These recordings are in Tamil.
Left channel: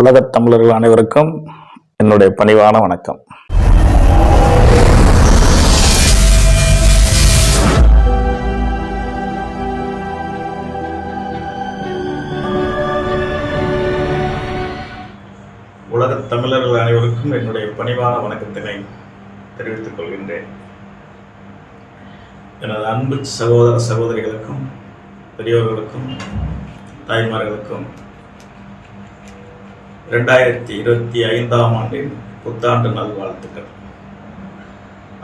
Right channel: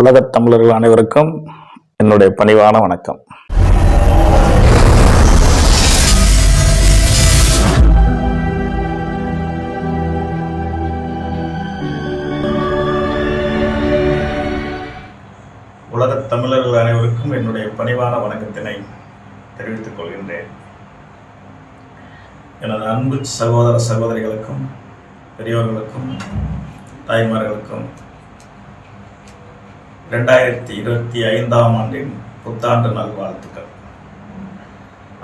உலகத் தமிழர்கள் அனைவருக்கும் என்னுடைய பணிவான வணக்கம். உலகத் தமிழர்கள் அனைவருக்கும் என்னுடைய பணிவான வணக்கத்தினை தெரிவித்துக் கொள்கின்றேன். எனது அன்பு சகோதர சகோதரிகளுக்கும் பெரியோர்களுக்கும் தாய்மார்களுக்கும் 2025 ஆண்டின் புத்தாண்டு நல்வாழ்த்துக்கள்.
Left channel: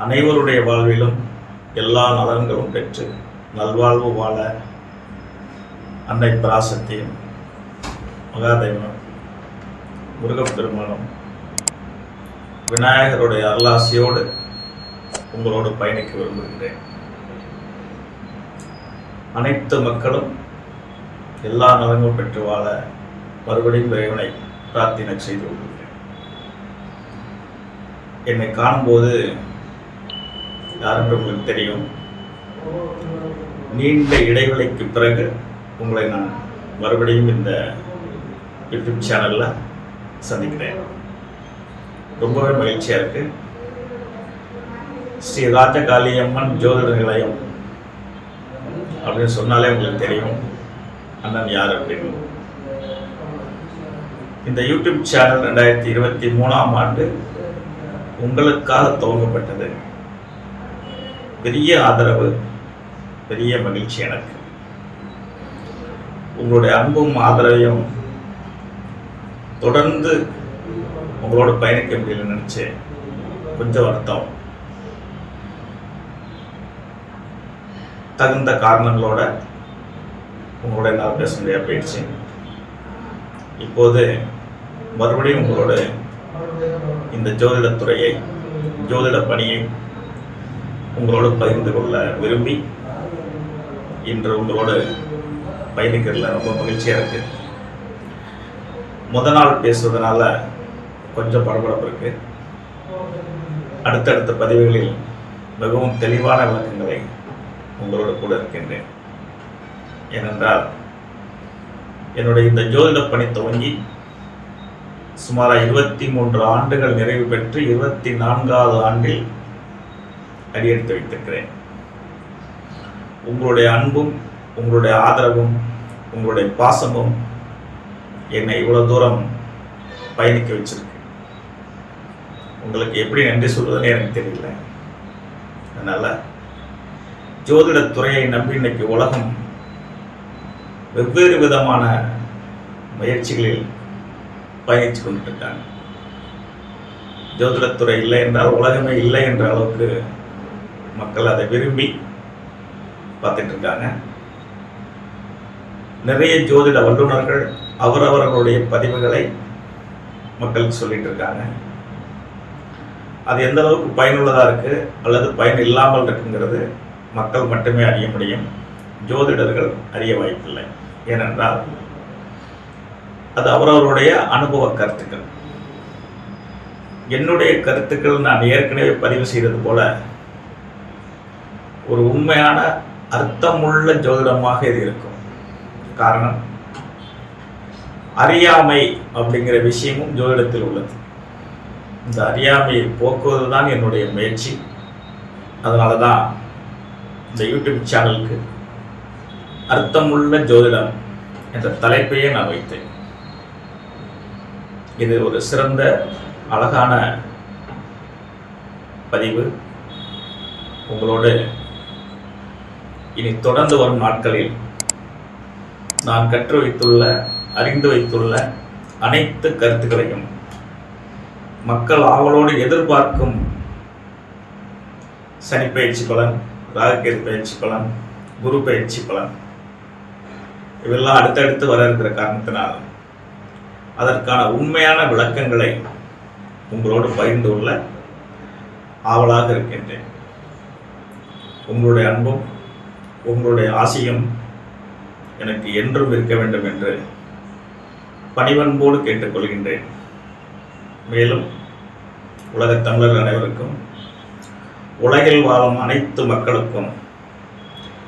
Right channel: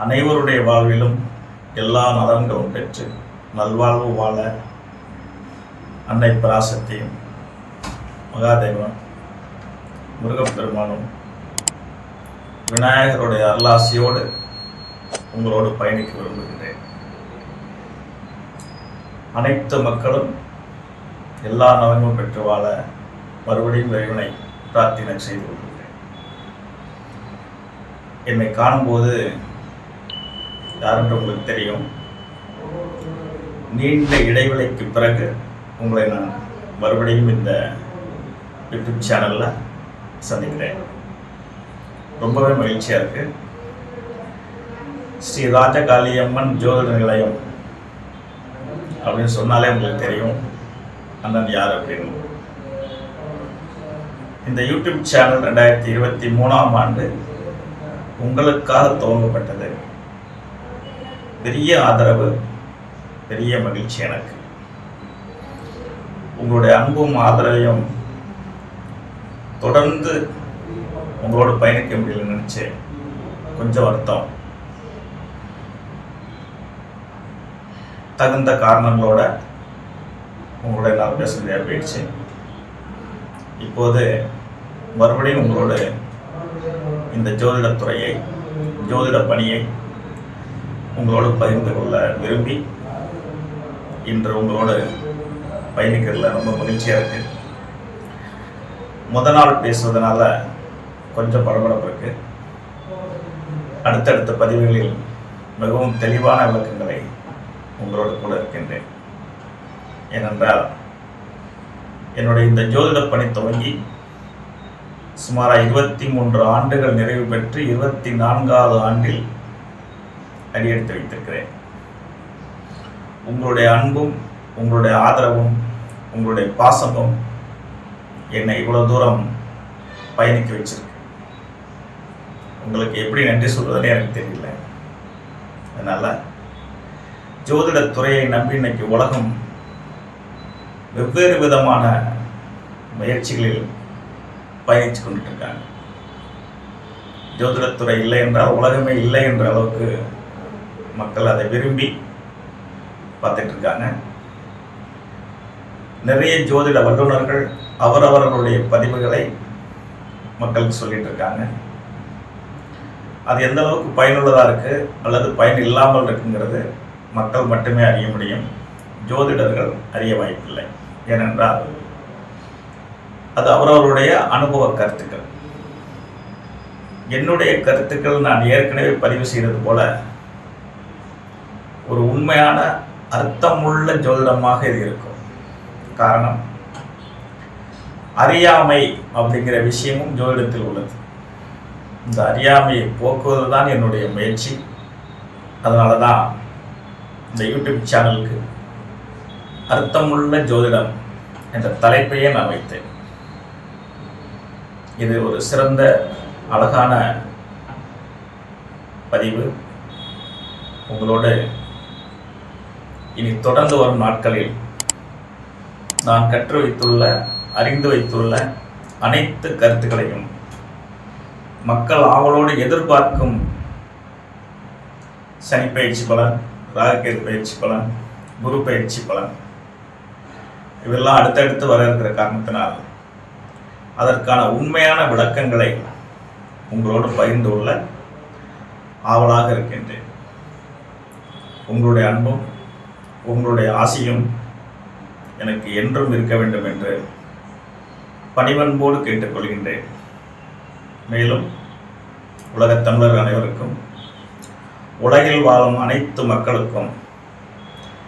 அனைவருடைய வாழ்விலும் எல்லா நலன்களும் பெற்று நல்வாழ்வு வாழ அன்னை பராசக்தியும் மகாதேவனும் முருகப்பெருமானும் விநாயகருடைய அருளாசியோடு உங்களோடு பயணிக்க விரும்புகின்றேன். அனைத்து மக்களும் எல்லா நலன்களும் பெற்று வாழ மறுபடியும் இறைவனை பிரார்த்தனை செய்து கொள்கிறேன். என்னை காணும்போது யாரென்று உங்களுக்கு தெரியும். நீண்ட இடைவெளிக்கு பிறகு உங்களை நான் மறுபடியும் இந்த யூடியூப் சேனலில் சந்திக்கிறேன். ரொம்பவே மகிழ்ச்சியாக இருக்கு. ஸ்ரீ ராஜகாளியம்மன் ஜோதிட நிலையம் அப்படின்னு சொன்னாலே உங்களுக்கு தெரியும் அண்ணன் யார் அப்படின்னு. இந்த யூடியூப் சேனல் 2023 ஆண்டு உங்களுக்காக துவங்கப்பட்டது. பெரிய ஆதரவு, பெரிய மகிழ்ச்சி எனக்கு. உங்களுடைய அன்பும் ஆதரவையும் தொடர்ந்து உங்களோட பயணிக்க முடியலன்னு நினச்சி கொஞ்சம் வருத்தம். தகுந்த காரணங்களோட உங்களோட நான் பேச முடியாது போயிடுச்சு. இப்போது மறுபடியும் உங்களோட இந்த ஜோதிடத்துறையை, ஜோதிட பணியை உங்களோடு பகிர்ந்து கொள்ள விரும்பி இன்று உங்களோடு பயணிக்கிறதுல ரொம்ப மகிழ்ச்சியாக இருக்குது. நாள் பேசுவதனால கொஞ்சம் படபடப்பு இருக்குது. அடுத்தடுத்த பதிவுகளில் மிகவும் தெளிவான விளக்கங்களை உங்களோடு கூட இருக்கின்றேன். ஏனென்றால் என்னுடைய இந்த ஜோதிட பணி துவங்கி சுமார் 23 ஆண்டுகள் நிறைவு பெற்று 24வது ஆண்டில் அடியெடுத்து வைத்திருக்கிறேன். உங்களுடைய அன்பும், உங்களுடைய ஆதரவும், உங்களுடைய பாசமும் என்னை இவ்வளோ தூரம் பயணிக்க வச்சிருக்கு. உங்களுக்கு எப்படி நன்றி சொல்வதுன்னு எனக்கு தெரியல. அதனால் ஜோதிடத்துறையை நம்பி இன்னைக்கு உலகம் வெவ்வேறு விதமான முயற்சிகளில் பயணித்து கொண்டுட்டு இருக்காங்க. ஜோதிடத்துறை இல்லை என்றால் உலகமே இல்லை என்ற அளவுக்கு மக்கள் அதை விரும்பி பார்த்துட்டு இருக்காங்க. நிறைய ஜோதிட வல்லுநர்கள் அவரவர்களுடைய பதிவுகளை மக்களுக்கு சொல்லிட்டு இருக்காங்க. அது எந்த அளவுக்கு பயனுள்ளதாக இருக்குது அல்லது பயன் இல்லாமல் இருக்குங்கிறது மக்கள் மட்டுமே அறிய முடியும். ஜோதிடர்கள் அறிய வாய்ப்பில்லை. ஏனென்றால் அது அவரவருடைய அனுபவ கருத்துக்கள். என்னுடைய கருத்துக்கள் நான் ஏற்கனவே பதிவு செய்தது போல ஒரு உண்மையான அர்த்தமுள்ள ஜோதிடமாக இது இருக்கும். காரணம், அறியாமை அப்படிங்கிற விஷயமும் ஜோதிடத்தில் உள்ளது. இந்த அறியாமையை போக்குவது தான் என்னுடைய முயற்சி. அதனால தான் இந்த யூடியூப் சேனலுக்கு அர்த்தமுள்ள ஜோதிடம் என்ற தலைப்பையே நான் வைத்தேன். இது ஒரு சிறந்த அழகான பதிவு. உங்களோடு இனி தொடர்ந்து வரும் நாட்களில் நான் கற்று வைத்துள்ள, அறிந்து வைத்துள்ள அனைத்து கருத்துக்களையும் மக்கள் ஆவலோடு எதிர்பார்க்கும் சனி பயிற்சி பலன், ராகுகேது பயிற்சி பலன், குரு பயிற்சி பலன் இவெல்லாம் அடுத்தடுத்து வர இருக்கிற காரணத்தினால் அதற்கான உண்மையான விளக்கங்களை உங்களோடு பகிர்ந்து கொள்ள ஆவலாக இருக்கின்றேன். உங்களுடைய அன்பும் உங்களுடைய ஆசையும் எனக்கு என்றும் இருக்க வேண்டும் என்று பணிவன்போடு கேட்டுக்கொள்கின்றேன். மேலும் உலகத் தமிழர் அனைவருக்கும், உலகில் வாழும் அனைத்து மக்களுக்கும்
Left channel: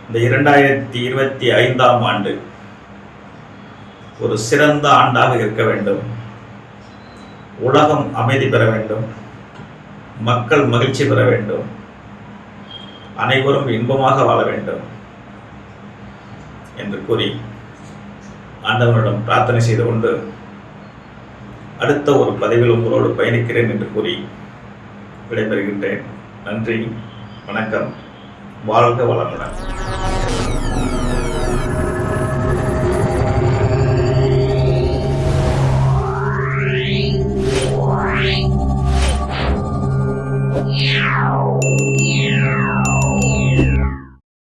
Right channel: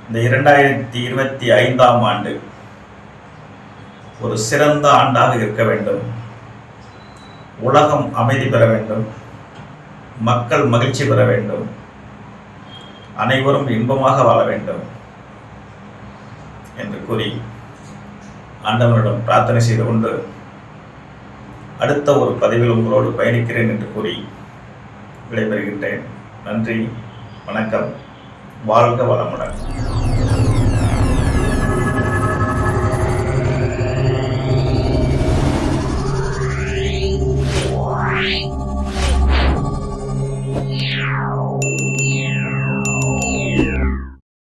இந்த 2025 ஆண்டு ஒரு சிறந்த ஆண்டாக இருக்க வேண்டும். உலகம் அமைதி பெற வேண்டும், மக்கள் மகிழ்ச்சி பெற வேண்டும், அனைவரும் இன்பமாக வாழ வேண்டும் என்று கூறி ஆண்டவனிடம் பிரார்த்தனை செய்து கொண்டு அடுத்த ஒரு பதிவில் உங்களோடு பயணிக்கிறேன் என்று கூறி விடைபெறுகின்றேன். நன்றி, வணக்கம், வாழ்க வளமுடன்.